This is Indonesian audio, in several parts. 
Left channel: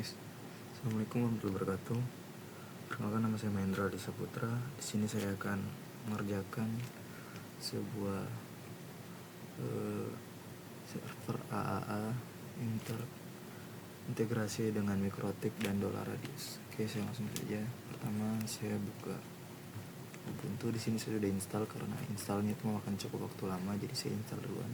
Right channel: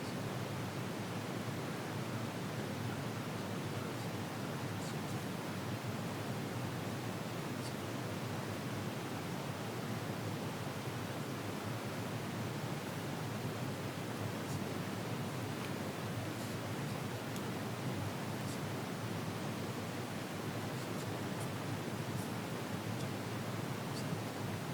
Assalamualaikum warahmatullahi wabarakatuh. Perkenalkan, nama saya Mahendra Disa Putra. Di sini saya akan mengerjakan sebuah server AAA yang terintegrasi dengan Mikrotik dan Redis. Oke, saya langsung saja. Pertama saya buka Ubuntu. Di sini sudah diinstal, karena instalnya itu akan cukup waktu lama, jadi saya install dulu.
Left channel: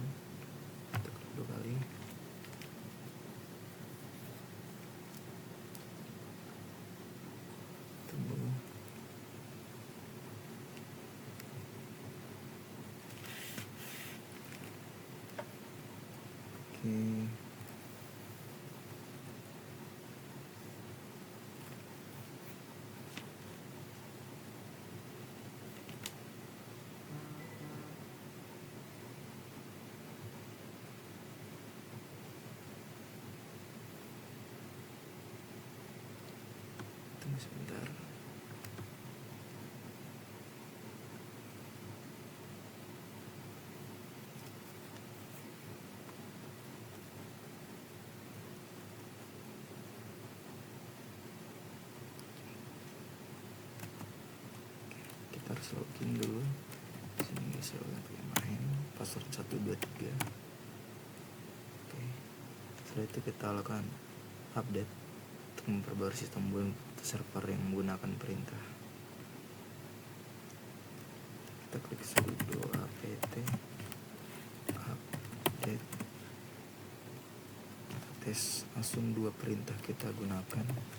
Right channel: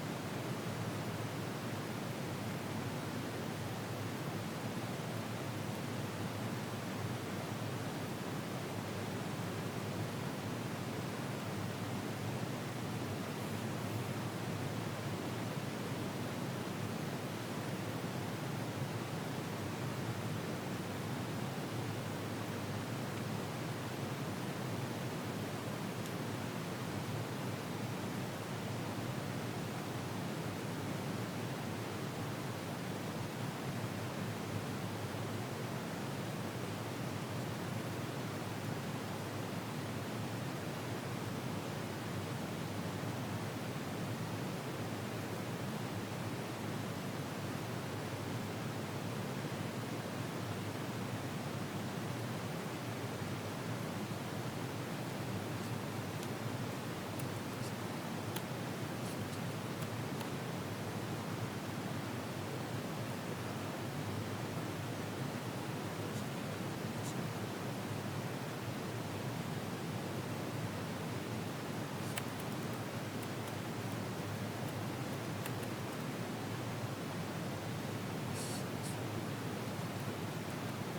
Login dulu. Password 123. Setelah itu kita lakukan update untuk memperbarui sistem dulu server yang menggunakan perintah. Kita klik sudo apt update. Tes langsung dua perintah kita gunakan.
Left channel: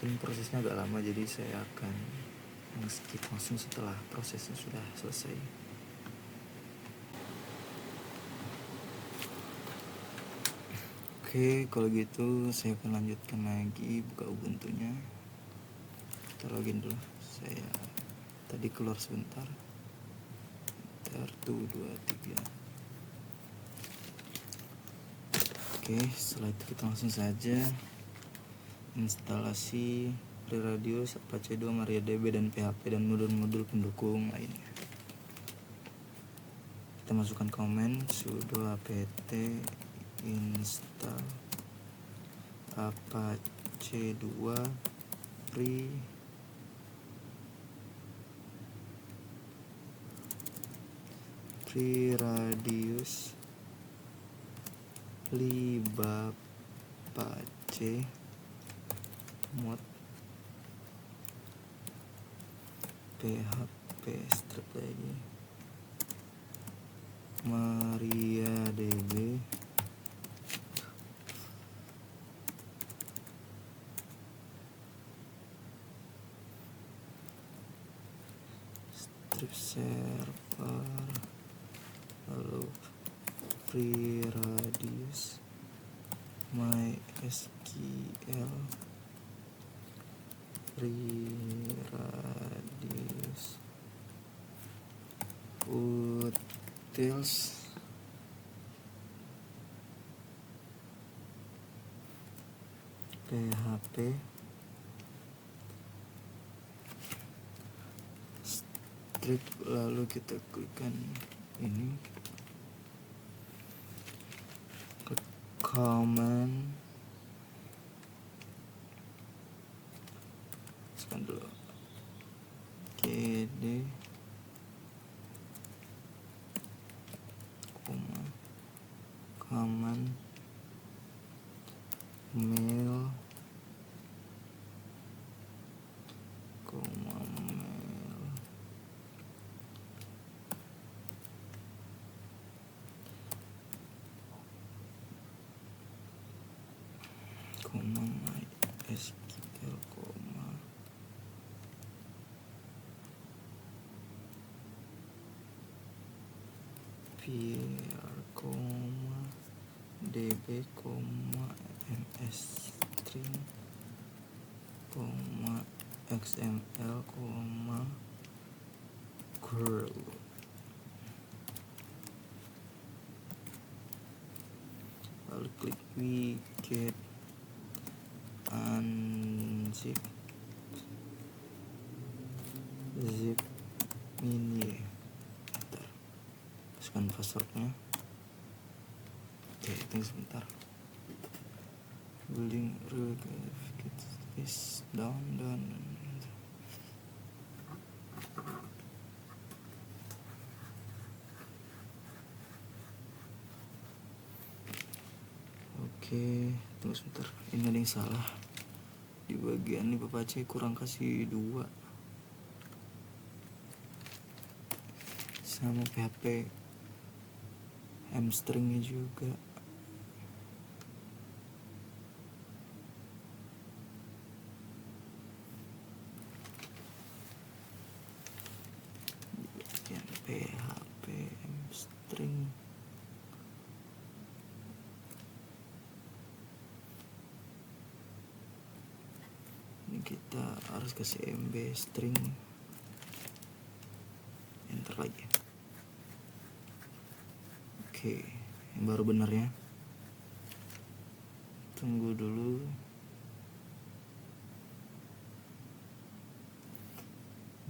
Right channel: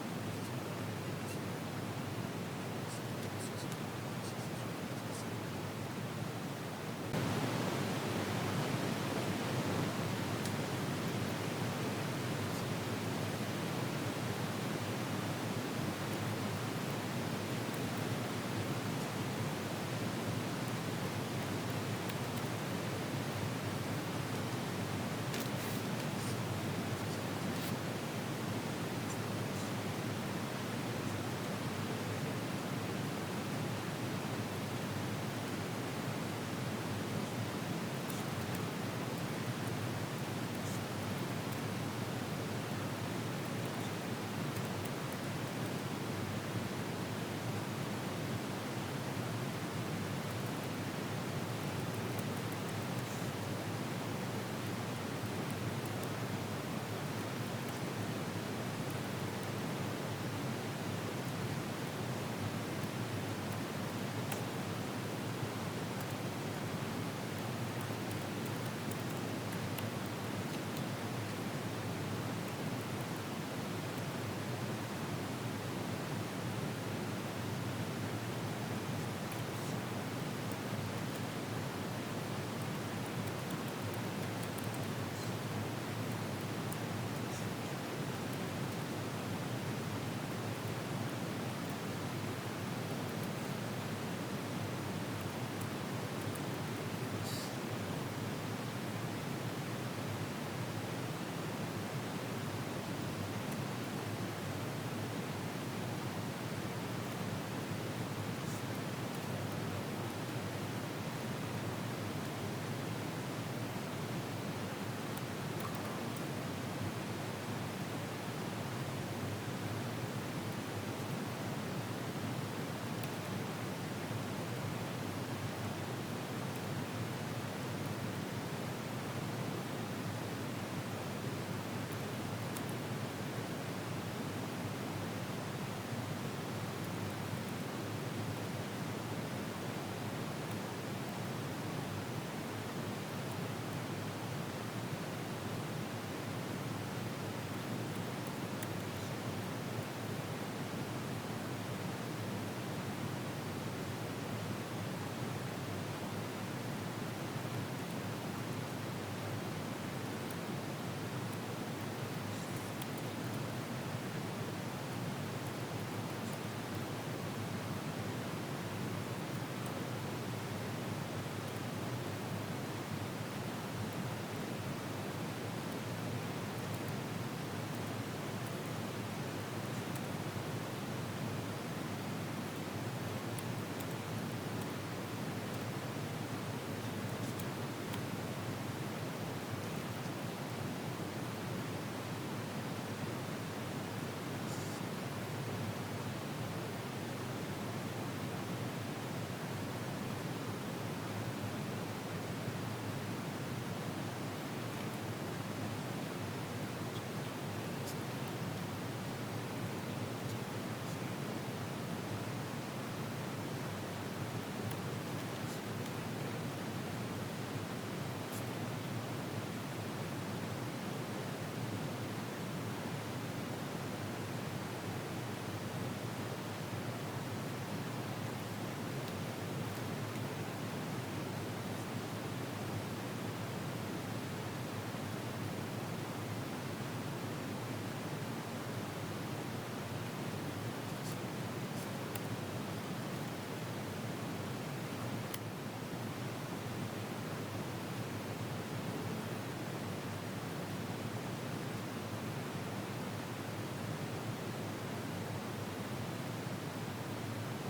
Mungkin prosesnya agak lama, jadi saya akan skip langsung setelah prosesnya sudah selesai. Oke, kalau gitu saya akan lanjutkan lagi ke Ubuntu-nya. Kita login dulu. Tadi keluar sebentar. Oke, setelah itu langsung saja instalasi Radius, Apache 2, MariaDB, dan PHP dan modul-modul pendukung. Kita masukkan komen sudo apt install Apache 2 Radius Apache PHP MariaDB Radius MySQL Utils PHP strip, lalu kita tekan command new XML, Word. Lalu klik ini get unzip zip ini, sekarang passwordnya. Oke, ini sebentar, link to is down dan oke, tunggu sebentar, ini ada yang salah di bagian ini. Bapak C kurang kasih 2 sama PHP hamstringnya juga. PHP hamstring kita harus kasih MB string. Enter lagi. Oke, baru benar ya. Tunggu dulu.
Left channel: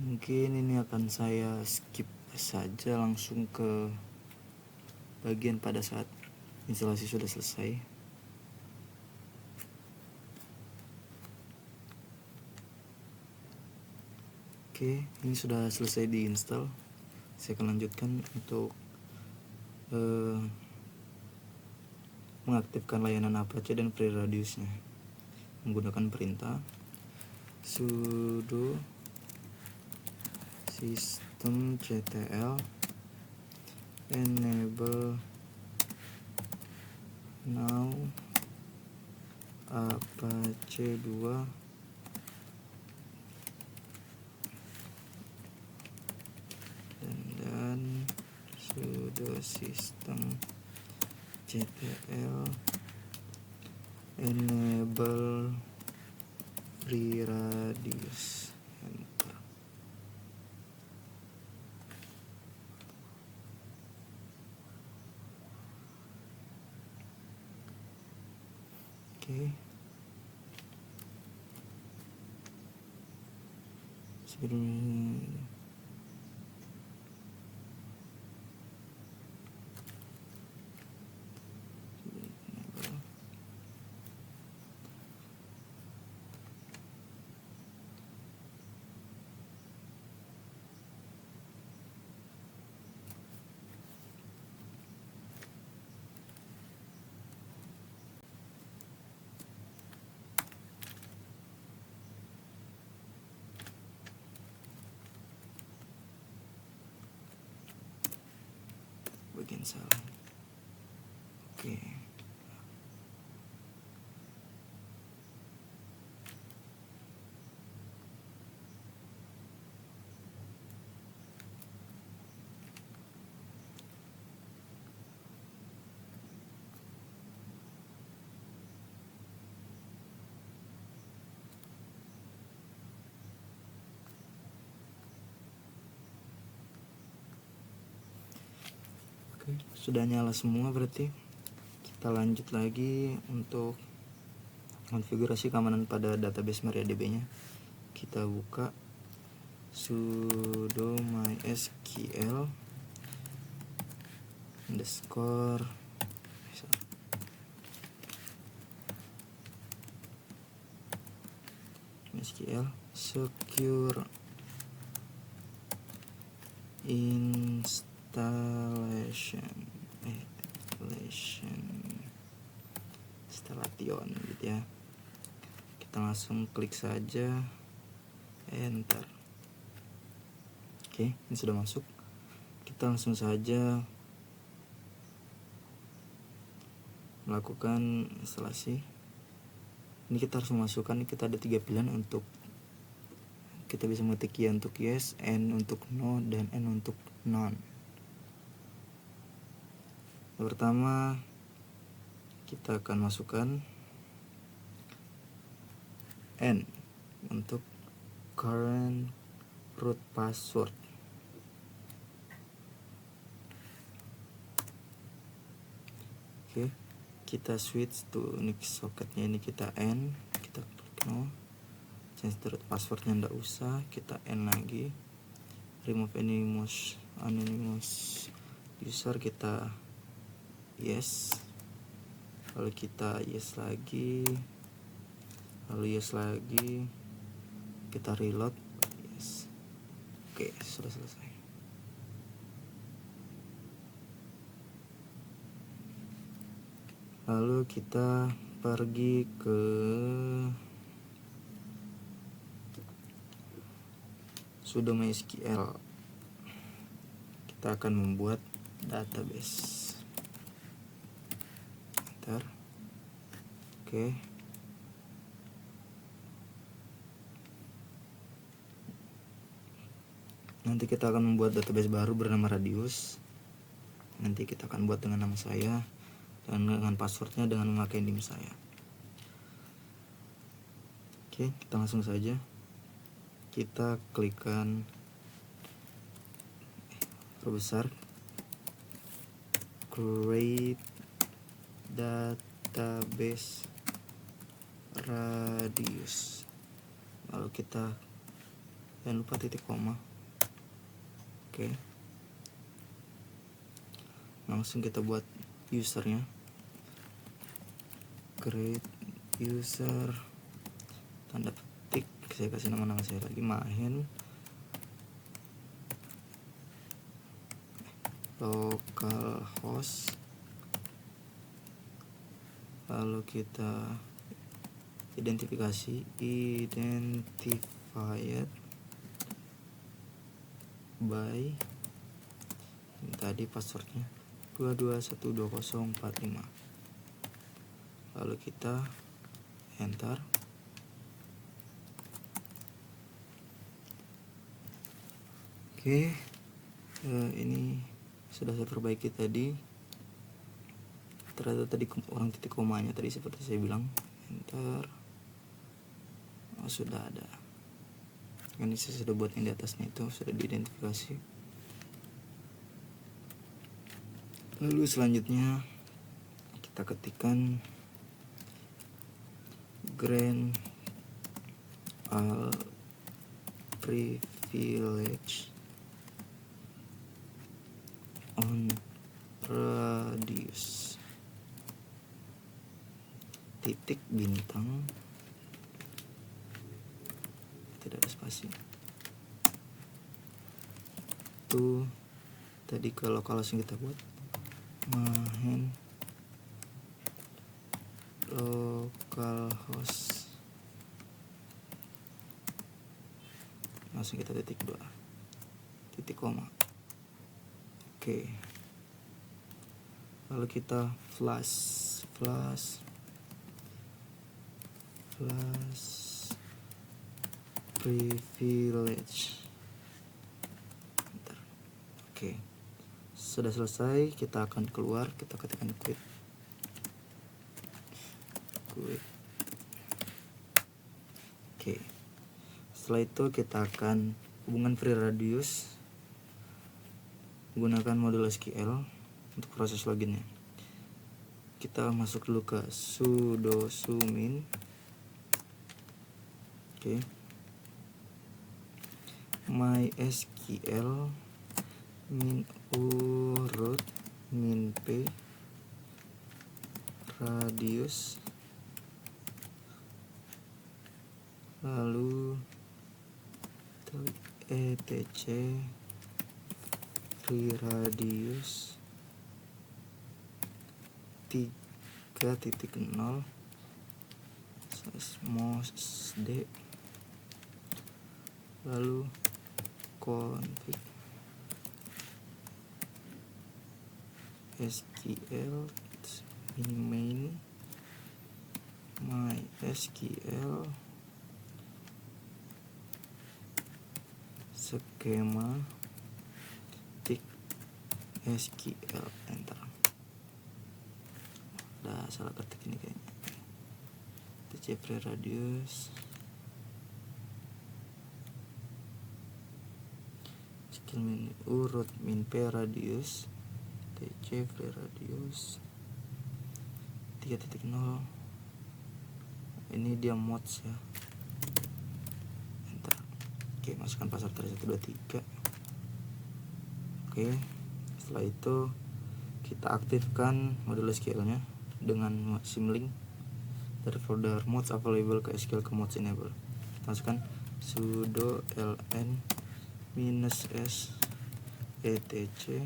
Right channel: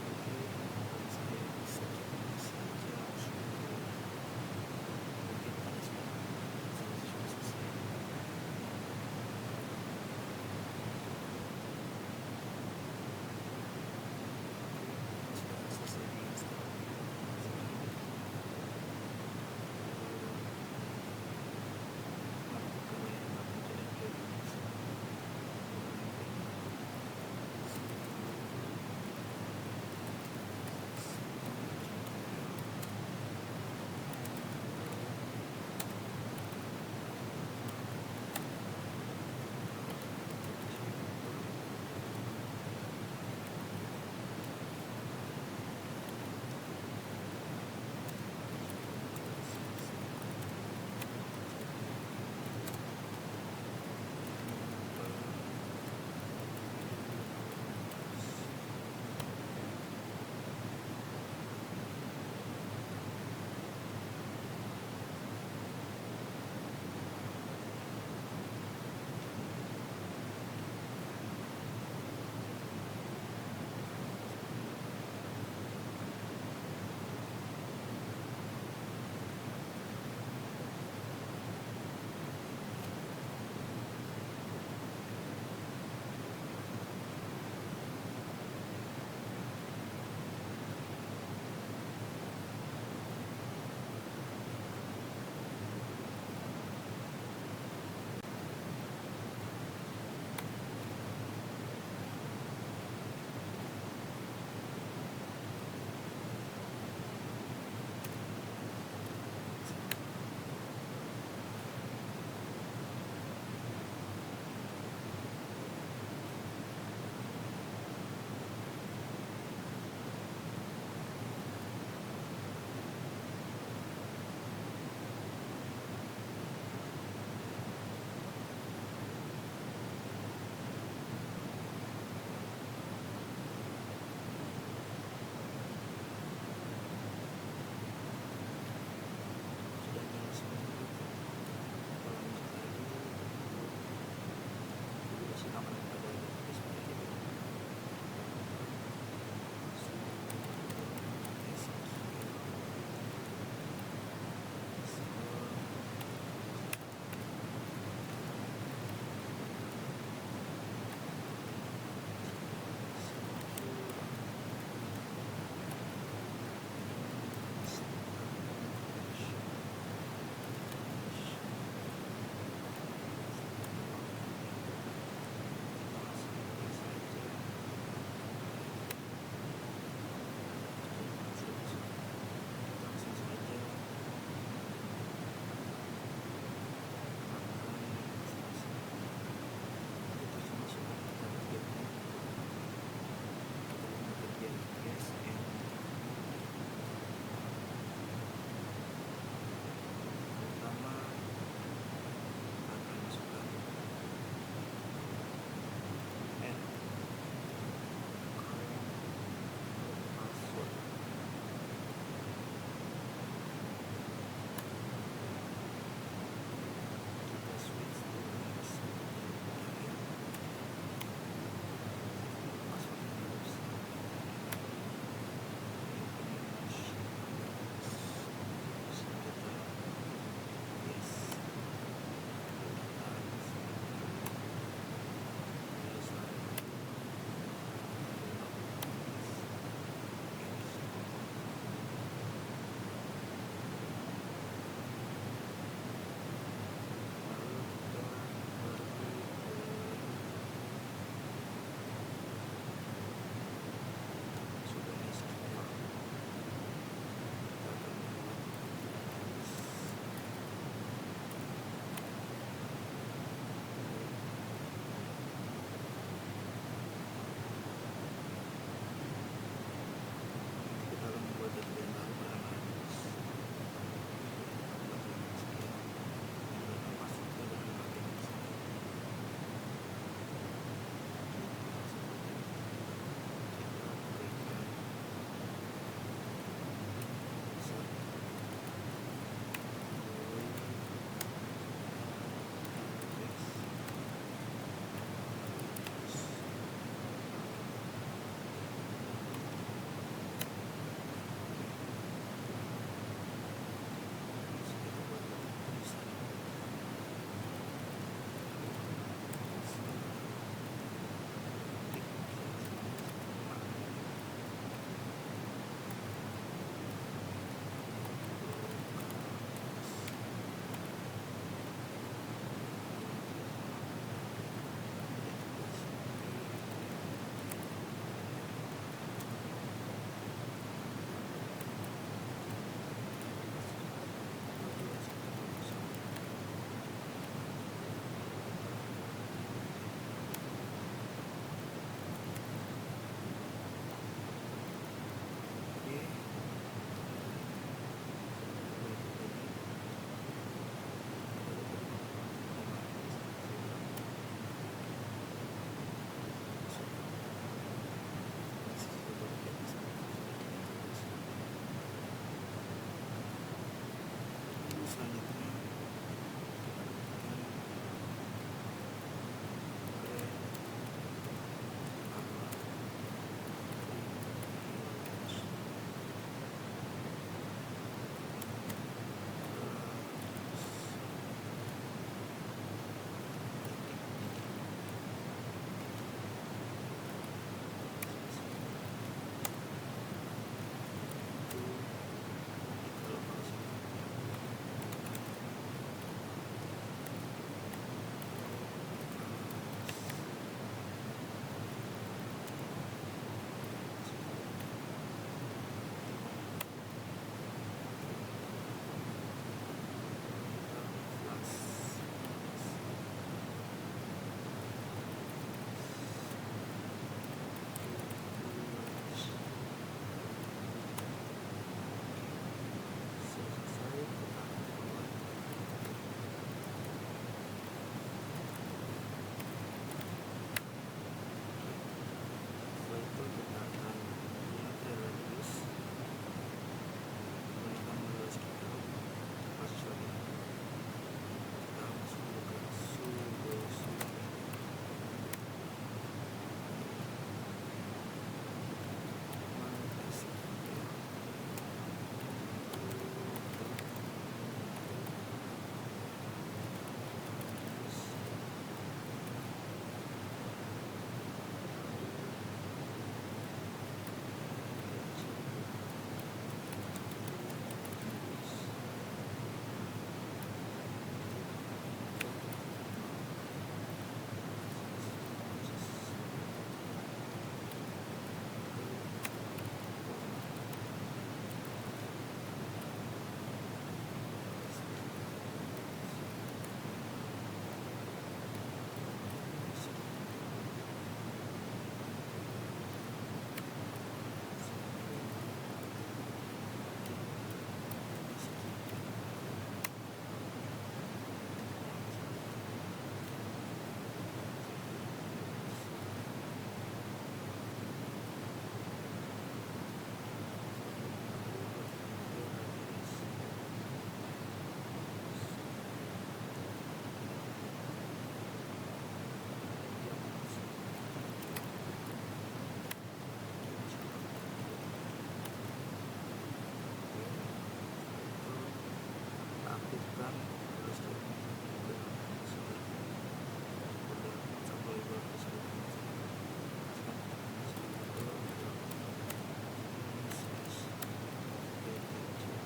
Mungkin ini akan saya skip saja, langsung ke bagian pada saat instalasi sudah selesai. Oke, ini sudah selesai diinstal. Saya akan lanjutkan untuk mengaktifkan layanan Apache dan FreeRadiusnya menggunakan perintah sudo systemctl enable now Apache 2 dan sudo systemctl enable FreeRadius. Sebelum bagian sana. Oke. Sudah nyala semua, berarti kita lanjut lagi untuk konfigurasi keamanan pada database MariaDB nya. Kita buka sudo mysql underscore MySQL secure installation stadion ya. Kita langsung klik saja enter. Oke, ini sudah masuk. Kita langsung saja melakukan instalasi. Ini kita harus memasukkan, kita ada 3 pilihan untuk kita bisa mengetik Y untuk yes, N untuk no, dan N untuk none. Pertama kita kita akan masukkan N untuk current root password. Oke, kita switch to next socketnya, ini kita N, kita change to root passwordnya nggak usah, kita N lagi, remove anonymous user, kita yes, lalu kita yes lagi, lalu yes lagi, kita reload. Oke, sudah selesai. Lalu kita pergi ke sudo MySQL. Kita akan membuat database. Bentar. Oke. Nanti kita akan membuat database baru bernama Radius. Nanti kita akan buat dengan nama saya, dengan passwordnya dengan memakai NIM saya. Oke, kita langsung saja. Kita klikkan terbesar create database Radius, lalu kita jangan lupa titik koma. Oke, langsung kita buat usernya, create user, tanda petik, saya kasih nama saya tadi Mahen, localhost, lalu kita identifikasi identifier by tadi passwordnya 22122045, lalu kita enter. Oke, ini sudah saya perbaiki tadi. Ternyata tadi kurang titik komanya tadi seperti saya bilang. Enter. Nah, sudah ada. Ini saya sudah buat di atasnya, itu sudah diidentifikasi. Lalu selanjutnya kita ketikkan grant all privilege on Radius titik bintang, tidak spasi. Itu tadi kalau langsung kita buat Mahen localhost, langsung kita titik 2 titik koma. Oke, lalu kita flash privilege. Oke, sudah selesai. Kita akan keluar, kita ketikkan quit. Oke, setelah itu kita akan hubungan free Radius menggunakan modul SQL untuk proses loginnya. Kita masuk dulu ke sudo sumin. Oke, MySQL urut min p Radius, lalu etc free Radius 3.0 sd, lalu kolon SQL main MySQL skema tik SQL enter. Salah ketik. tc free radius segini urut min p radius tc free radius 3.0. ini dia mods ya. Enter. Oke, masukkan pasar 123. Oke, setelah itu kita aktifkan module SQL-nya dengan symlink. Ada folder mods available ke SQL ke mods enable. Masukkan sudo ln -s etc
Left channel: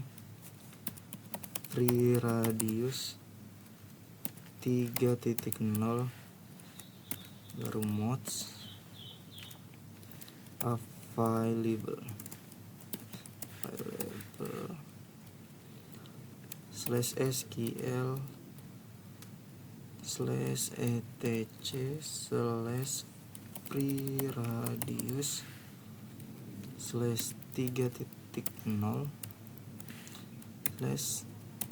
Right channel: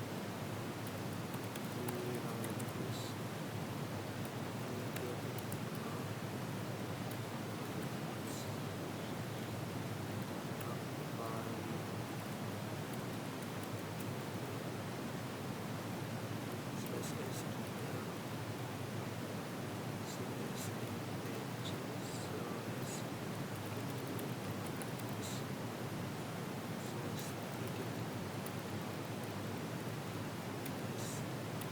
free radius 3.0 baru mods available /sql /etc /free radius /3.0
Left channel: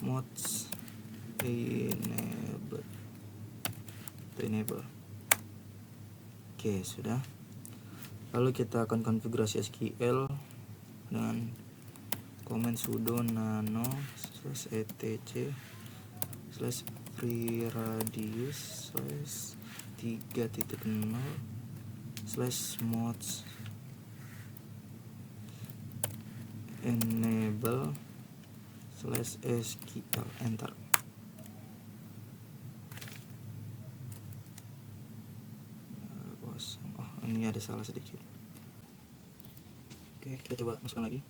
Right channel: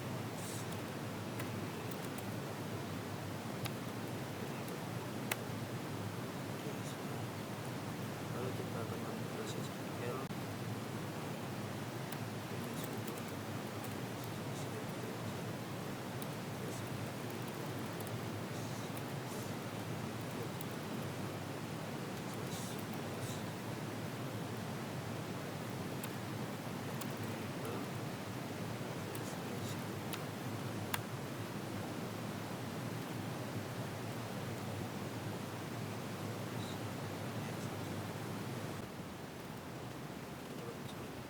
mods enable. Oke, sudah. Lalu kita akan konfigurasi SQL dengan komen sudo nano /etc /free radius /3.0 mods enable /s kita enter. Ini ada salah sedikit. Oke, kita coba masukkan lagi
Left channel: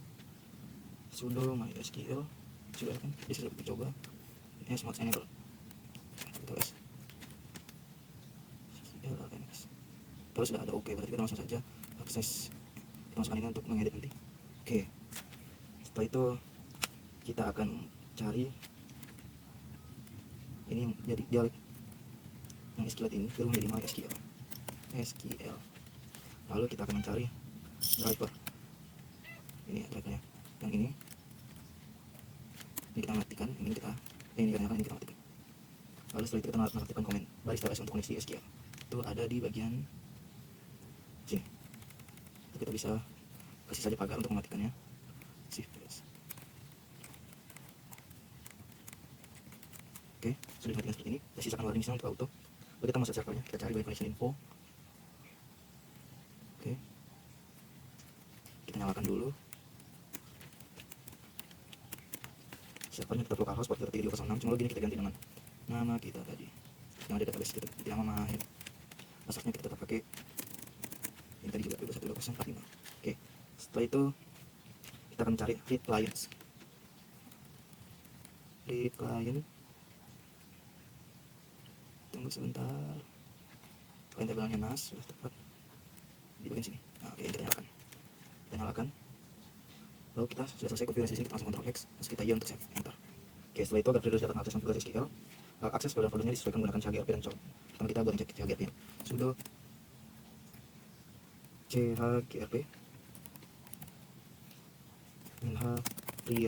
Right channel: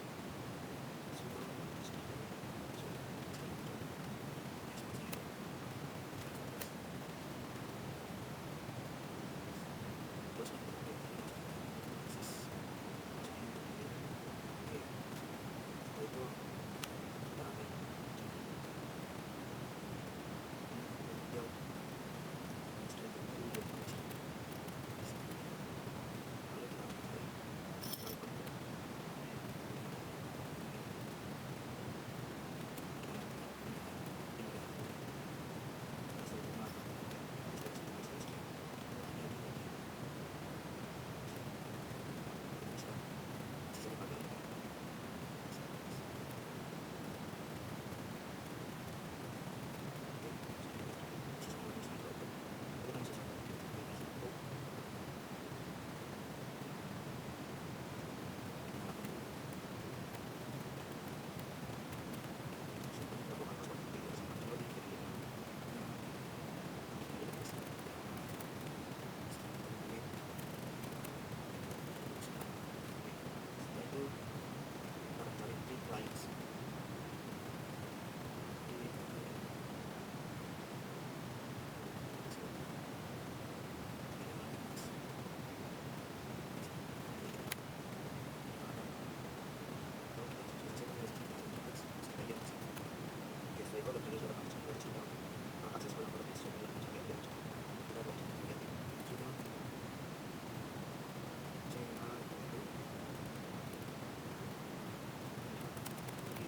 sudo mysql sudah kan, bisa kita coba ini mods enable terus sudah ada. Oke, berarti kita langsung saja akses pemasukan ini untuk mengedit video. Oke, setelah itu kita akan cari ini yang jadi dialog yang SQL ini film minimal SQL. Lalu kita akan mencari driver. Ini drivernya yang ini kita matikan, ini kita nyalakan, ini kita matikan. Lalu setelah itu kita melakukan komen baris TLS untuk mengisi SQL itu ada di bagian sini. Kita bisa kasih saja pagar untuk mematikannya. Oke, sudah dilihat seperti ini. Kita sisakan warning untuk auto. Lalu kita masuk server, kita cari by info. Oke, kita nyalakan dulu. Servernya kita lokal host port 3206. Cuma lagi kita ganti dengan nama kita tadi yang ada database kita, yang mana ya. Passwordnya kita pakai yang tadi juga 3204. Oke, setelah itu kita akan cari read clients. Read client. Tunggu sebentar. Tabelnya nas tepat di sini. Oke, kita nyalakan. Lalu kita sudah selesai konfigurasi, kita langsung Ctrl X, terus kita Y untuk save. Oke, setelah itu agar terus dapat akses ke SQL, akses folder-foldernya disesuaikan menggunakan chgrp dan char. Pertama kita gonceng chgrp, sudo chgrp free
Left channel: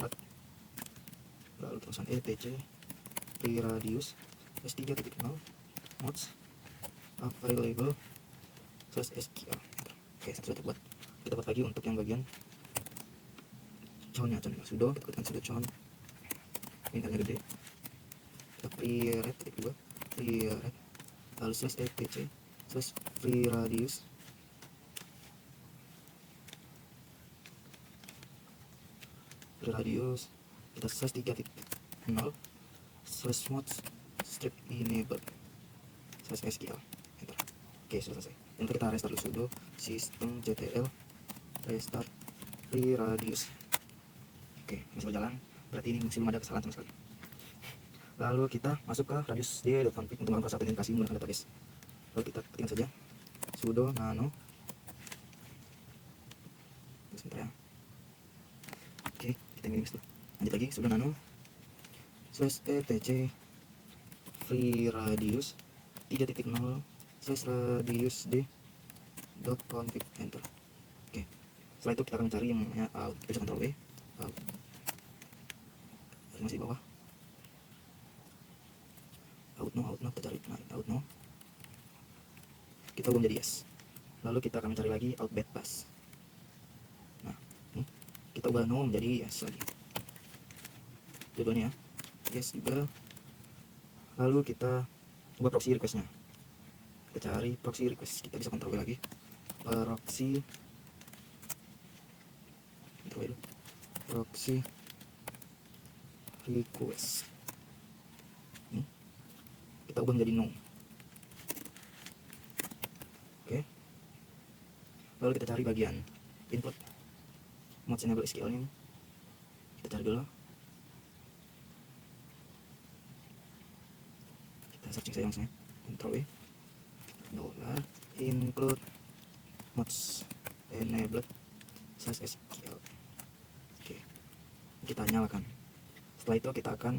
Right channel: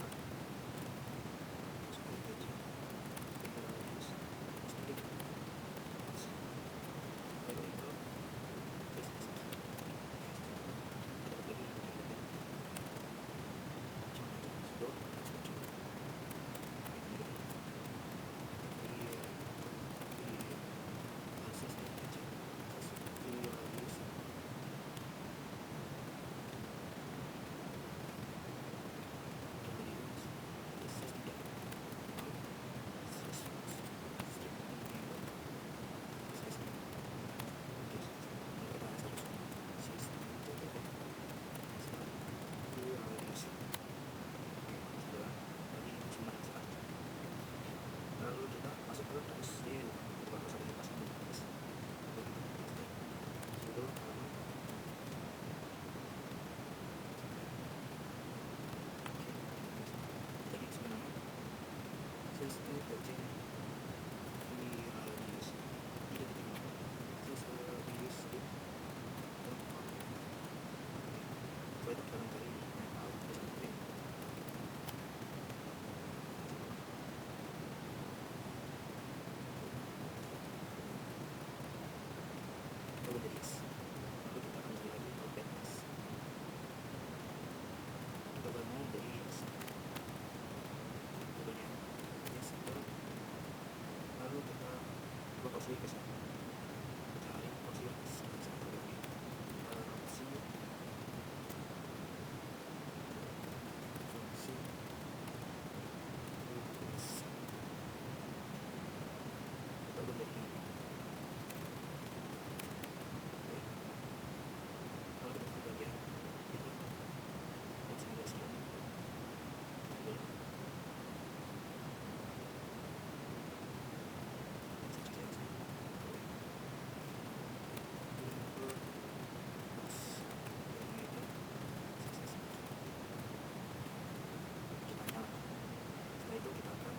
lalu pasang etc free radius s3.0 mods available /sql. Oke, setelah itu kita dapat lagi untuk yang bagian connya sudo kita sudah con ini agak gede free rad kedua free rad lalu /etc /free radius kita /3.0 /mods strip enable /sql. Oke, selesai. Untuk kita restart sudo systemctl restart free radius. Oke, masih berjalan. Berarti ini masih ada kesalahan sekali. Lalu kita masuk ke radius d.config untuk memproses aplikasi menggunakan database. Lalu kita ketik saja sudo nano. Oke, kita ini lanjut lagi sudo nano /etc free radius 3.0 /radius d.config enter. Oke, setelah itu kita akan cari yang out. Kita bisa Ctrl W out. Masih bawah out no kita cari out no. kita ubah menjadi yes. Lalu kita akan mencari lagi outbed pass. Nah, kita ubah no menjadi yes lagi. Judulnya yes juga. Lalu kita coba proxy requestnya. Kita cari proxy request. Kita bisa Ctrl V lagi. Proxy request. Kita ubah menjadi no. Oke. Lalu kita cari bagian input mod enable SQL nya. Kita cari dulu. Kita searching saja maksudnya. Ctrl V. Include mods enable /SQL. Oke. Kita nyalakan. Setelah itu kita akan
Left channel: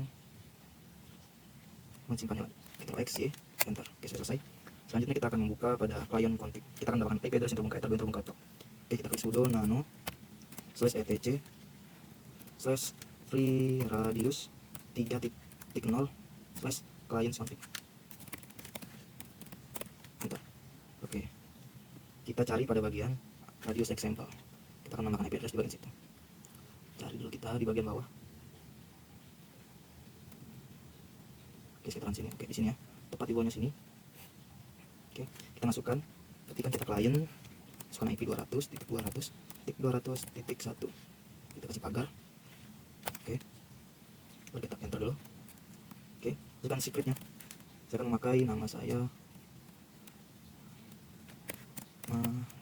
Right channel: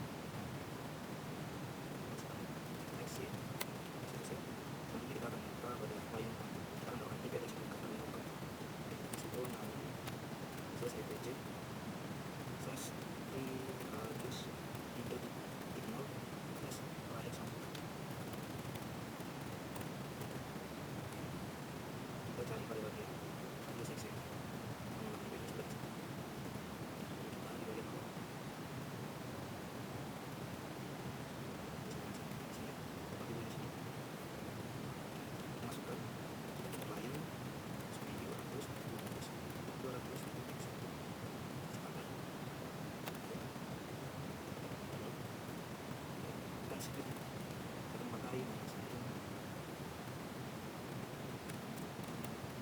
mensimpan dulu. Kita X, Y, enter. Oke, sudah selesai. Selanjutnya kita akan membuka pada client config. Kita akan mendapatkan IP address untuk membuka header untuk membuka itu. Oke, kita klik sudo nano /etc /free radius 3.0 /client config. Enter. Oke. Kita cari pada bagian radius example. Kita akan menambahkan IP address di bagian situ. Cari dulu kita di bagian bawah. Oke, saya sini. Oke, di sini ya. Tepat di bawahnya sini. Oke, kita masukkan. Ketika kita klien, masukkan IP 200.200.1. Kita kasih pagar. Oke. Lalu kita enter dulu. Oke, bukan secretnya. Saya akan memakai nama saya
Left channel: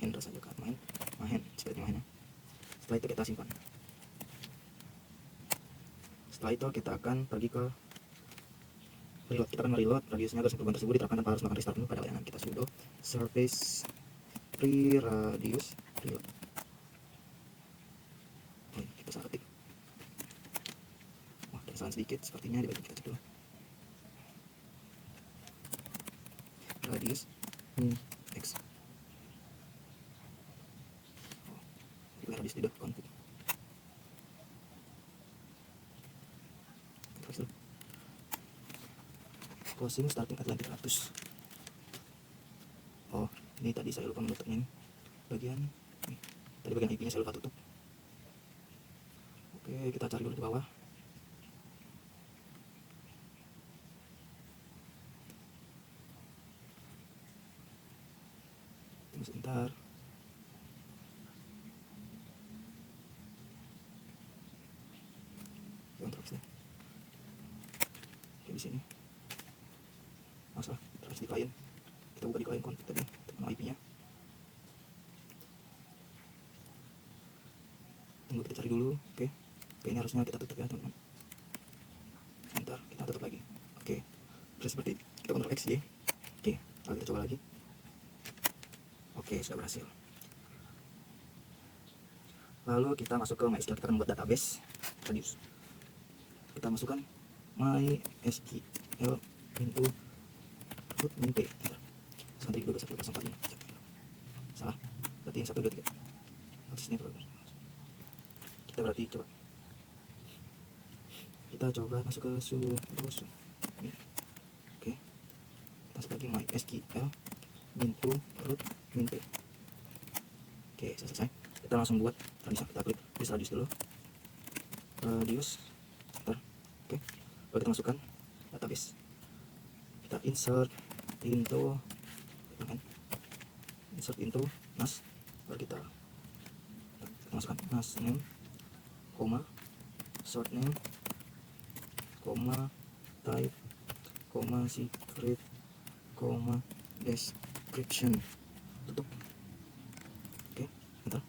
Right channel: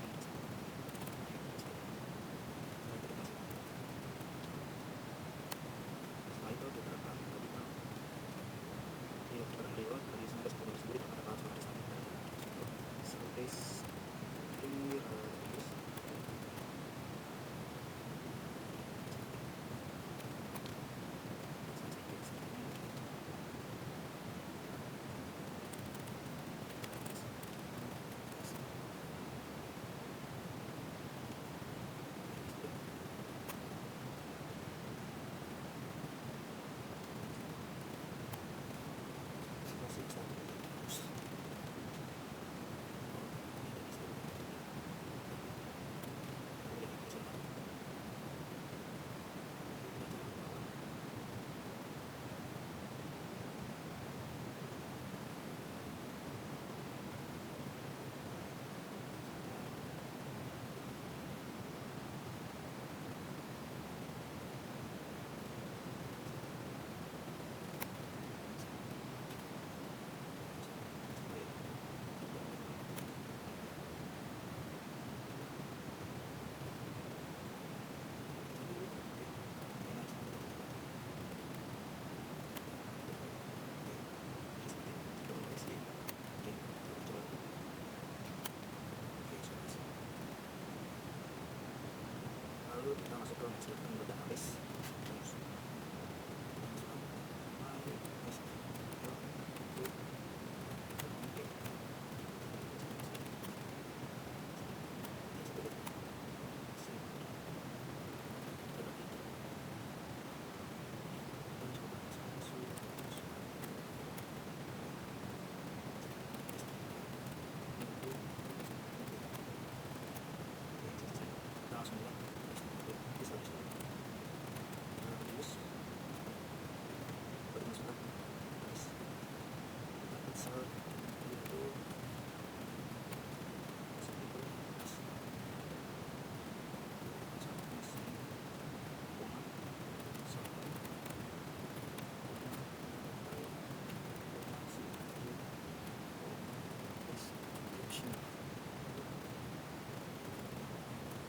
Hendra satu kali. Seperti ini. Setelah itu kita simpan. Setelah itu kita akan pergi ke reload. Kita akan reload radiusnya agar perubahan tersebut diterapkan tanpa harus melakukan restart pada layanan. Kita sudo service free radius reload. Kita salting. Kesalahan sedikit sepertinya di bagian kecil. Radius X. Ini radius tidak pun. Closing starting at 300. Oh, ini tadi saya lupa menutup ini bagian. Tadi bagian IP nya saya lupa tutup. Oke, kita cari di bawah. Sebentar. Di sini. Masa terus di file. Kita buka di client config tadi, mau IP-nya. Tunggu kita cari dulu. Oke. Ini harusnya kita tutup ya, teman-teman. Sebentar, kita tutup lagi. Oke. Terus seperti ini. Kita Ctrl X, Y. Oke, lalu kita coba lagi. Oke, sudah berhasil. Lalu kita masuk ke MySQL, kita akan membuat database radius. Kita masukkan MySQL into min p. Sampai dulu saya pasang lagi. Salah. Berarti yang satu gitu. Kita berarti itu. Kita coba masuk ke sudo terus. Oke. Kita seperti MySQL into root min p. Oke, selesai. Kita langsung buat bisa kita klik radius dulu. Radius enter. Oke. Lalu kita masukkan database. Kita insert into nas. Lalu kita masukkan nas name, koma, short name, koma, type, koma, secret, koma, description. Tutup. Oke, enter.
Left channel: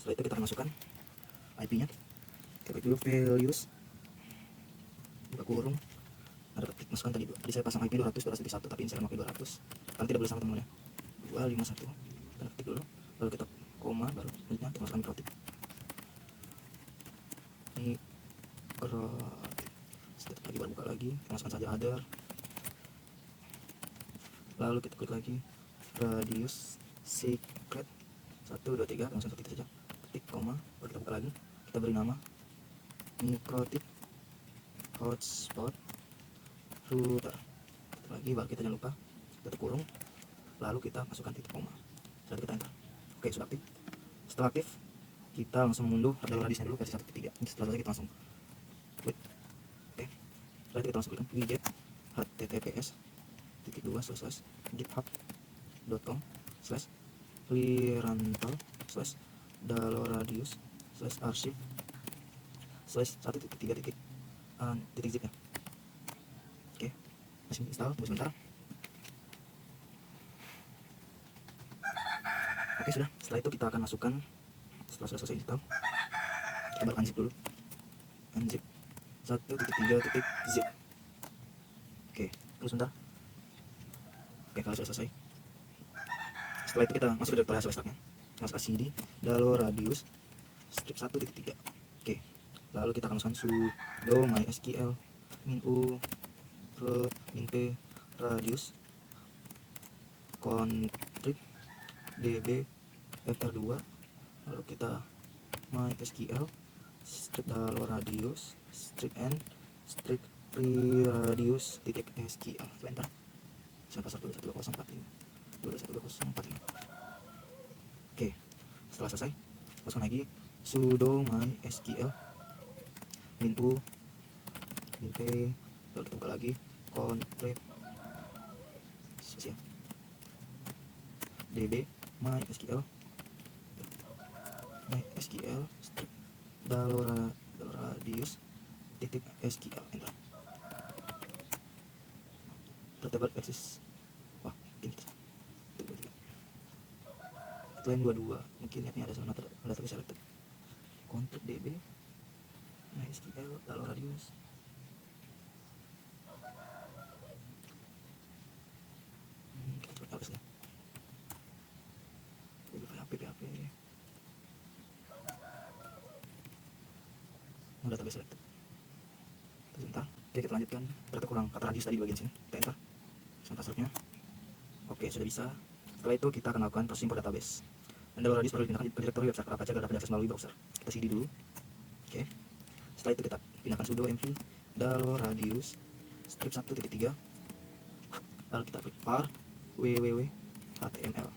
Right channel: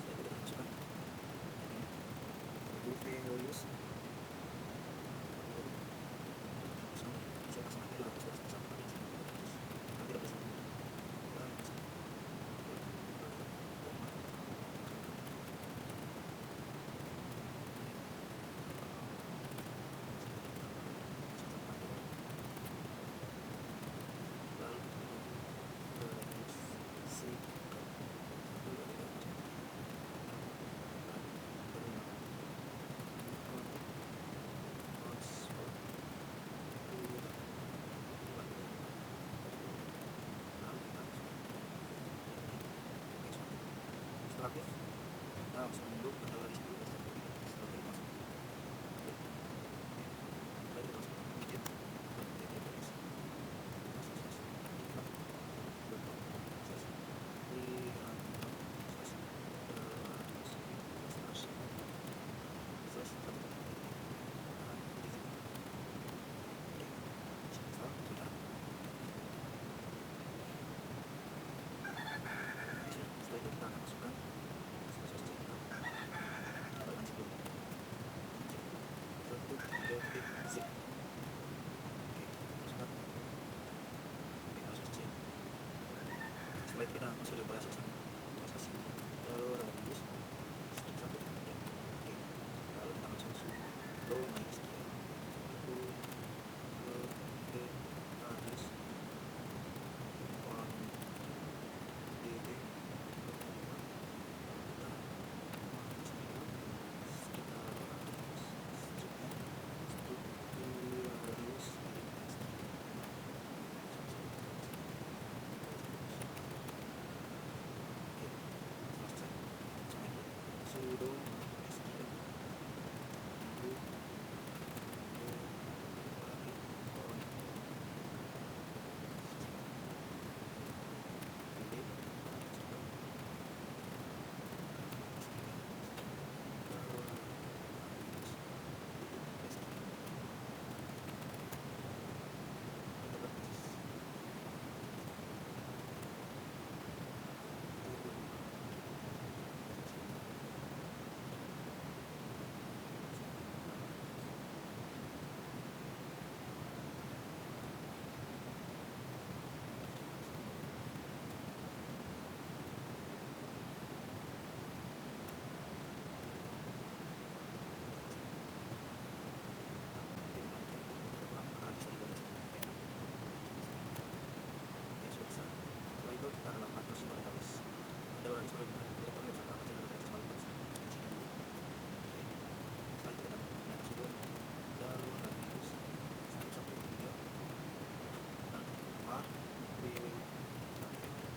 Setelah itu kita akan masukkan IP-nya. Kita klik dulu values. Buka kurung. Ada masukkan tadi. Jadi saya pasang IP 200.1, tapi saya mau 200. Kan tidak boleh sama temunya. 251. Ketik dulu. Lalu kita koma, kita masukkan protik. Ini sedikit lagi buka lagi, masukkan saja other. Lalu kita klik lagi radius secret 1, 2, 3, langsung ketik saja. Ketik koma, kita buka lagi. Kita beri nama Nicotic hotspot router. Lagi bagi jangan lupa ketik kurung. lalu kita masukkan titik koma, lalu kita enter. Oke, sudah aktif. Setelah aktif, kita langsung mundur pada radiusnya dulu versi 1.3. Setelah itu kita langsung klik. Oke, setelah itu kita langsung klik widget https://github.com/lirantal/archive/1.3 Oke, langsung install, tunggu sebentar. Oke, sudah. Setelah itu kita akan masukkan, setelah sudah selesai install, kita buat unzip dulu. Unzip 1.3.zip. Oke, terus sebentar. Oke, kalau sudah selesai. Setelah itu kita masuk ke direktori hasil stacknya. Masuk cd dalam radius strip 1.3. Oke, lalu kita akan masukkan sudo mysql info int radius config db vector 2. Lalu kita mysql strip dalam radius strip n strip radius titik sql. Enter. Sampai 1204. Oke, setelah selesai, masukkan lagi sudo mysql info int, lalu kita buka lagi config db mysql dalam radius titik sql. Terdapat eksis line 22, mungkin ini ada sama data selected untuk db mysql dalam radius. Database itu. Oke, kita lanjutkan. Ternyata kurang 4 radius tadi bagian sini. Kita enter. Sampai passwordnya. Oke, sudah bisa. Setelah itu kita akan lakukan processing for database. Anda radius perlu dipindahkan ke direktori website Apache agar dapat diakses melalui browser. Kita cd dulu. Oke. Setelah itu kita pindahkan sudo mv dalam radius strip 1.3. Lalu kita klik var www.html.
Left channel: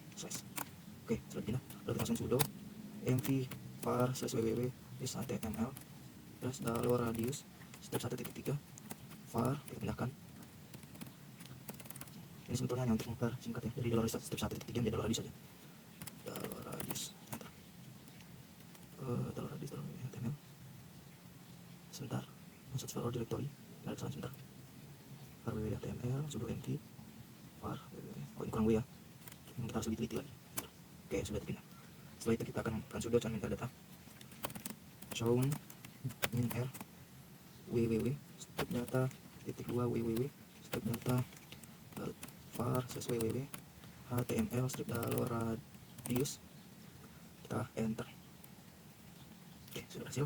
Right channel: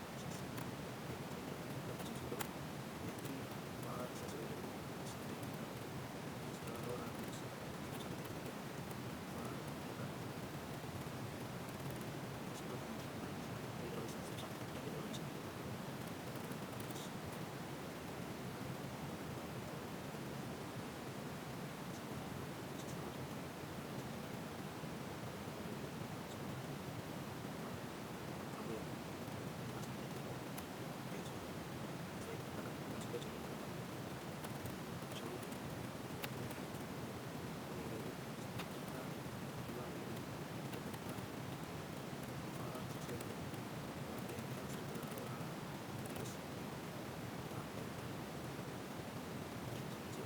Oke, setelah itu lalu langsung sudo mv var/www.html terus dalam radius strip 1.3 var pindahkan. Ini simpelnya nanti sebentar singkat ya. Jadi dalam radius strip 1.3 menjadi dalam radius sebentar, masuk ke directory. Sebentar. html sudo mv var kurang dulu ya. Ini kita harus lebih teliti. Oke, sudah begini. Setelah itu kita akan sudo cari metadata shown minr www strip data titik 2 www strip data var/www html strip dalam radius. Kita enter. Oke, sudah berhasil.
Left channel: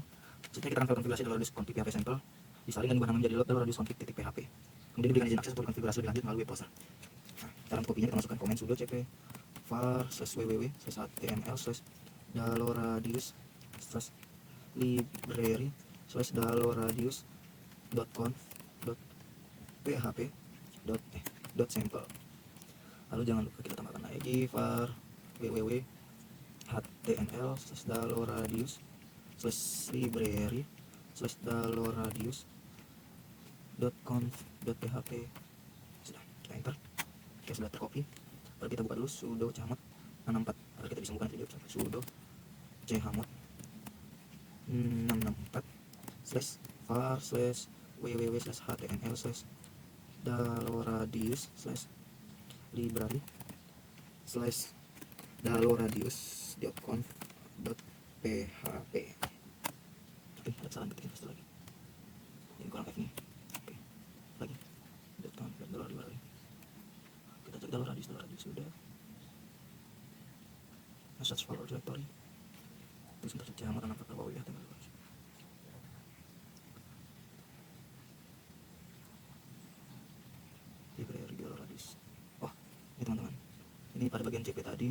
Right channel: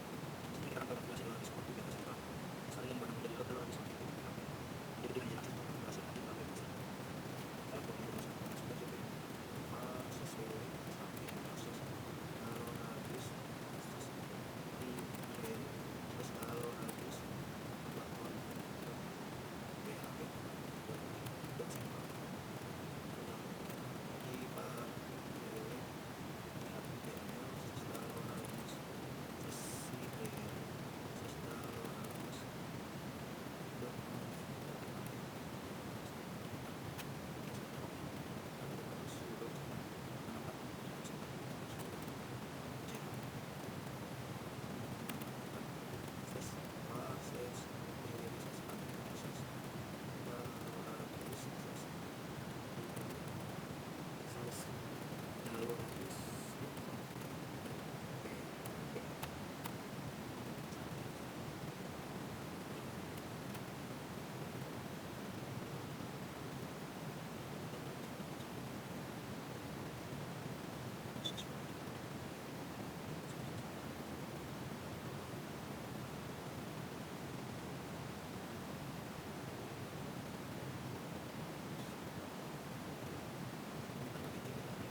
Setelah kita akan konfigurasi dalam radius config PHP sampel disaring dan dibahankan menjadi load dalam radius config.php. Kemudian diberikan izin akses untuk konfigurasi lebih lanjut melalui web browser. Dalam kopinya kita masukkan komen sudo cp var/www/html/dalam radius/library/dalam-radius.conf.php.sample. Lalu jangan lupa kita tambahkan lagi var www.html/library/dalam-radius.conf.php. Enter. Oke, sudah tercopy. Lalu kita buka dulu sudo chmod 664 agar kita bisa buka video. Sudo chmod 664/www/html/dalam-radius/dalam-radius.conf.php. Search for directory. Jangan apa apa. Oh, ini pada bagian cp tadi.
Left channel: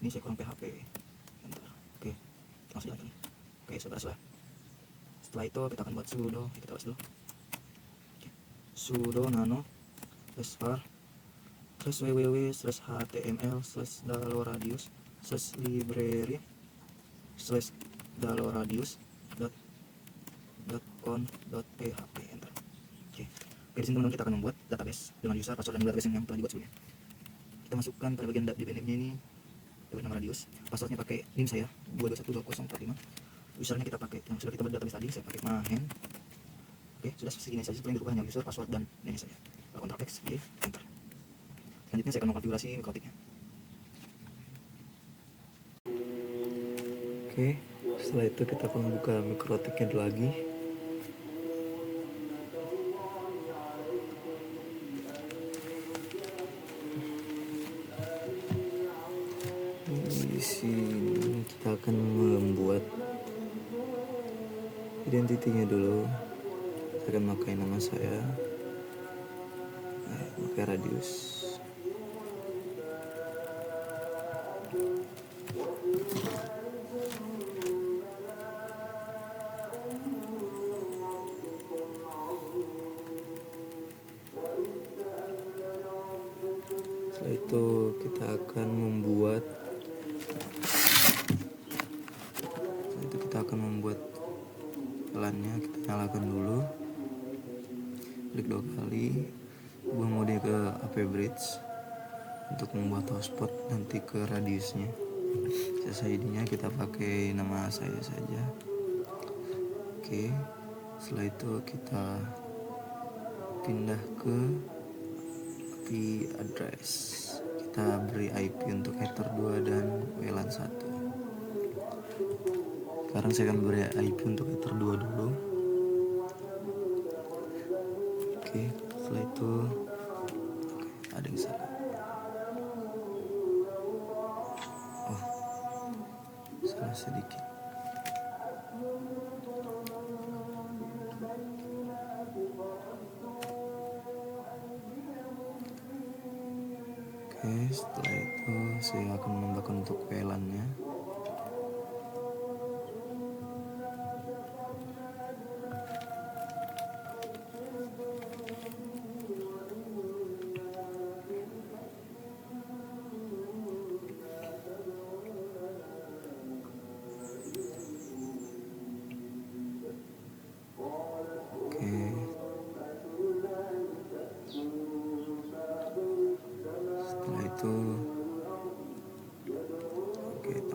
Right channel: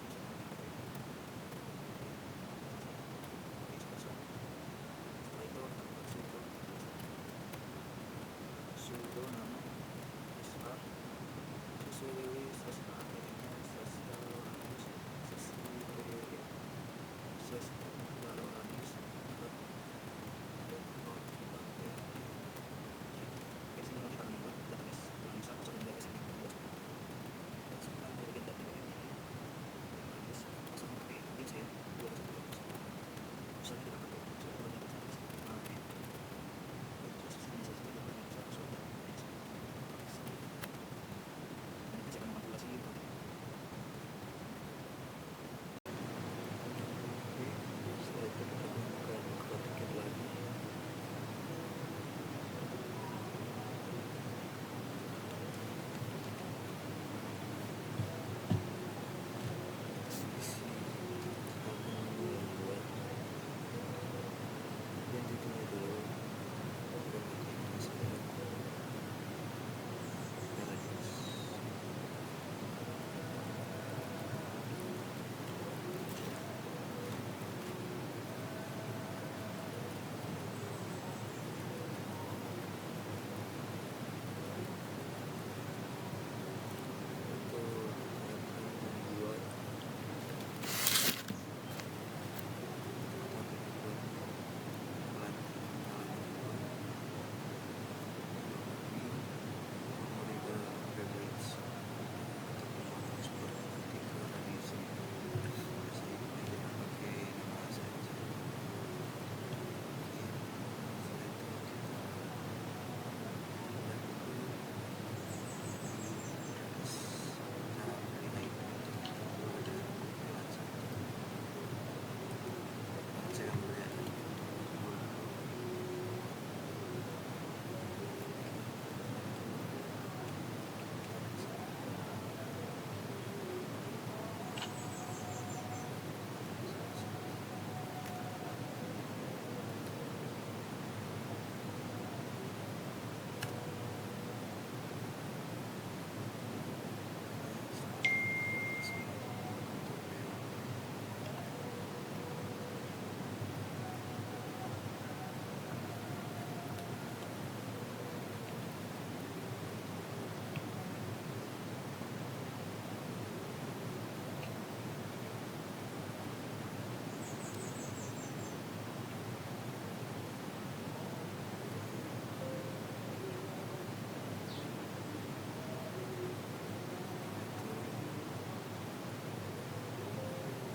Ini saya kurang PHP. Oke, masuk. Oke, sudah selesai. Setelah itu kita akan buat sudo. Kita tulis dulu. Sudo nano svar www.httml/daloradius/daloradius.com.php. Oke, di sini teman-teman kita akan membuat database dengan user, password, dan dua rekening yang telah dibuat sebelumnya. Kita masukkan pada bagian di ini nih nama radius. Passwordnya pakai NIM saya 2212045. Usernya kita pakai yang sudah kita buat database tadi, saya pakai main. Oke, sudah segini saja. Setelah dirubah hanya user, password, dan ini saja. Ctrl X, pilih enter. Selanjutnya saya akan mengkonfigurasi mikrotiknya. Oke, setelah itu kita akan buka mikrotiknya lagi. Di sini kita akan membuat identitinya dulu. Saya akan pakai nama saya, pakai radius. Setelah itu kita akan membuat LAN-nya. Kita nyalakan dulu, klik 2 kali, ubah mode ke AP bridge untuk membuat hotspot nanti ke radiusnya. SSID-nya kita pakai nama saya saja. Oke, setelah itu kita pindah ke IP address. Kita beri IP untuk ether 2 dan WLAN 1. Sekarang saya akan beri IP untuk ether 2 dulu. Oke, setelah itu ada yang salah. Salah sedikit. Oke, setelah itu saya akan menambahkan untuk VLAN-nya.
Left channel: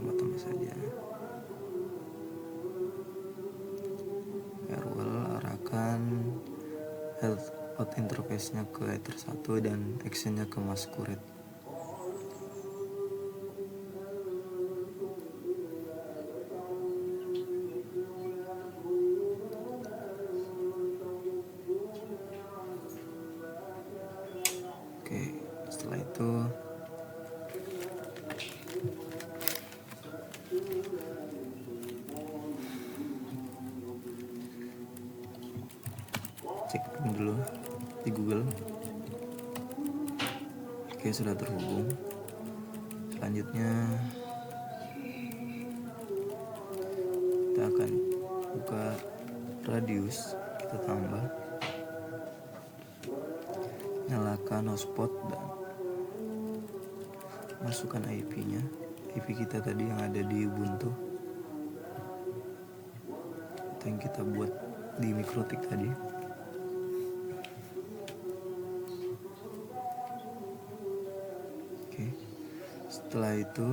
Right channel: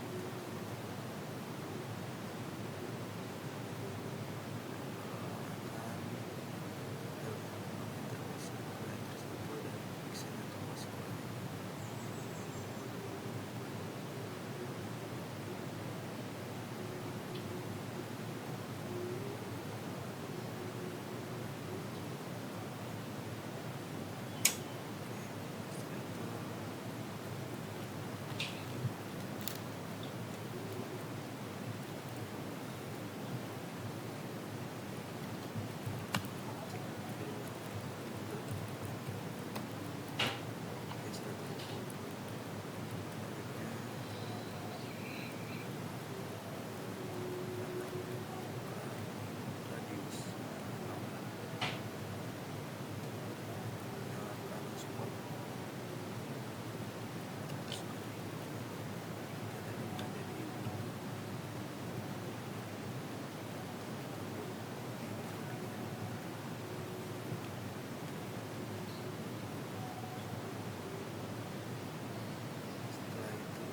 Tambah saja. Firewall arahkan health out interface-nya ke ether 1 dan action-nya ke masquerade. Oke, setelah itu cek dulu di Google. Oke, sudah terhubung. Selanjutnya kita akan buka radius, kita tambah, nyalakan hotspot dan masukkan IP-nya. IP kita tadi yang ada di Ubuntu yang kita buat di mikrotik tadi. Oke, setelah itu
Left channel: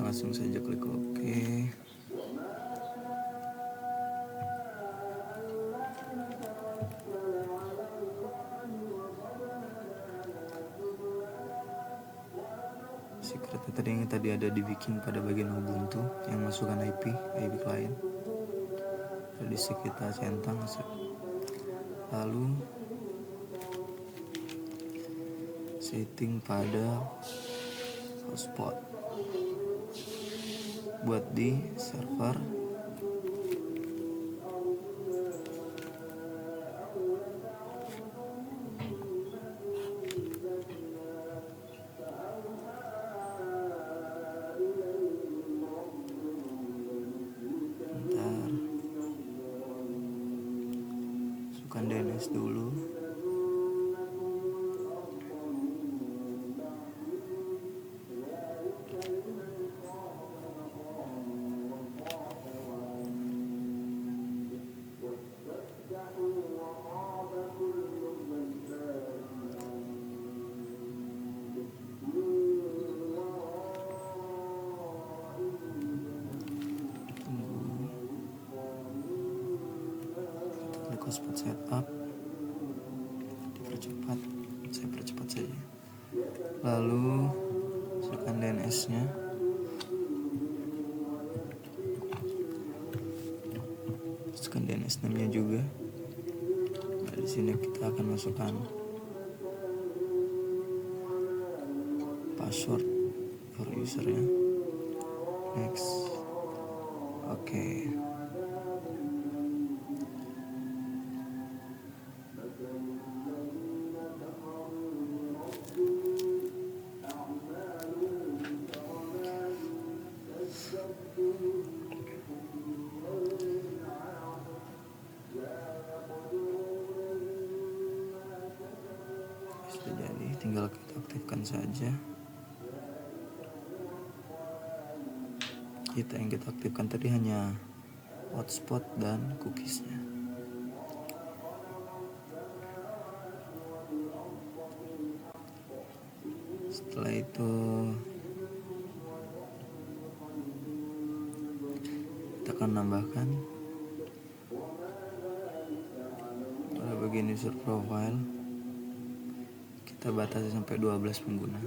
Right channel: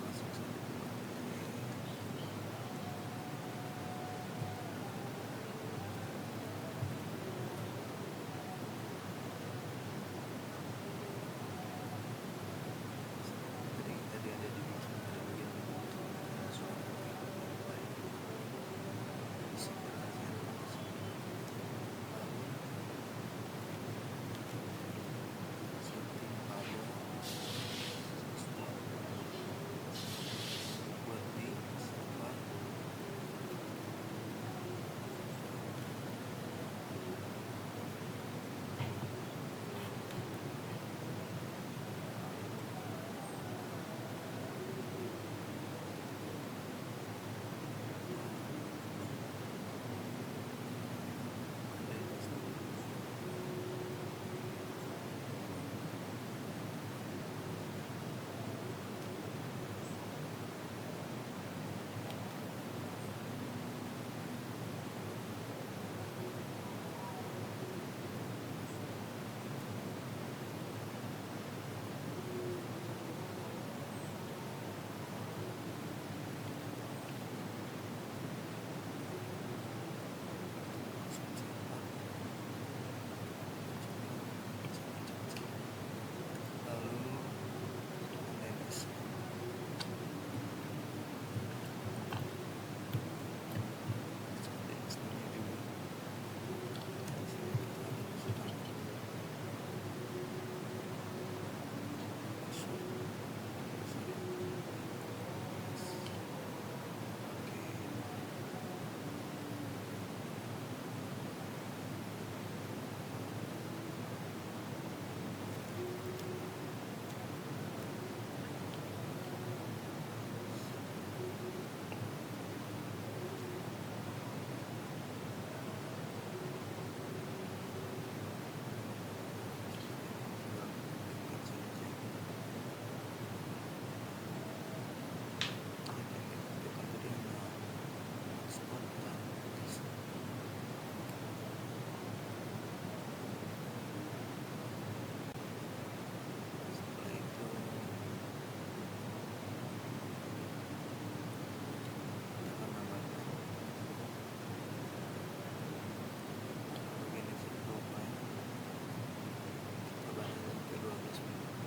langsung saja klik OK. Secretnya tadi ada dibikin pada bagian Ubuntu yang masukkan IP client. Jadi kita centang, lalu setting pada hotspot buat di server. tulis dulu. Speed setup dipercepat, saya percepat saja. Lalu masukkan DNS nya, masukkan DNS name nya juga. Dari sini kita akan masukkan password dari usernya. Next. Oke. Tinggal kita aktifkan saja. Yang kita aktifkan tadi hanya hotspot dan cookiesnya. Setelah itu kita akan nambahkan pada bagian user profile. Kita batasi sampai 12 pengguna.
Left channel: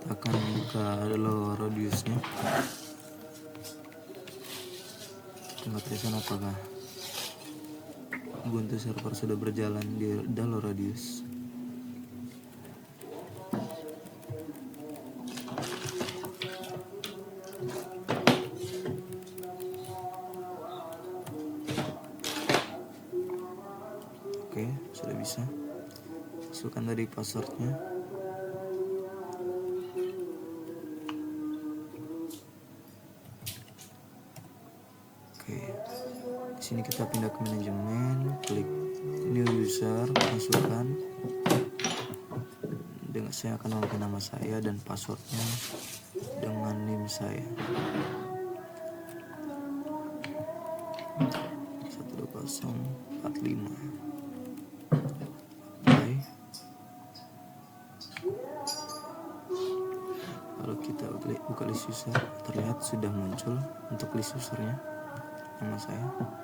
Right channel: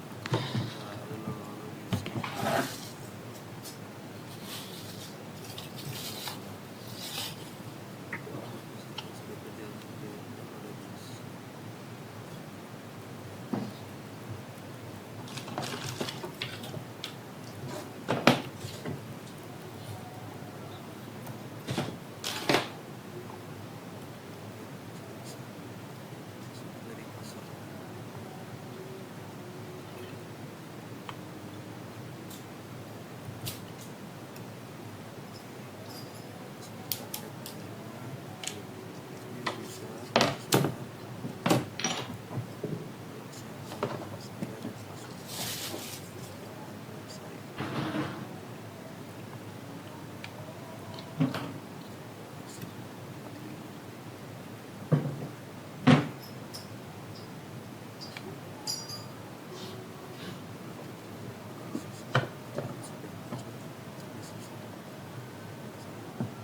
Kita akan buka dulu radiusnya. Pembatasan apakah Ubuntu server sudah berjalan di dalam radius. Oke, sudah bisa. Masukkan tadi passwordnya. Di sini kita pindah ke manajemen, klik new user, masukkan. Dengan saya akan menggunakan nama saya dan passwordnya dengan NIM saya. 12045. Oke. Kalau kita klik buka list user, terlihat sudah muncul untuk list usernya nama saya.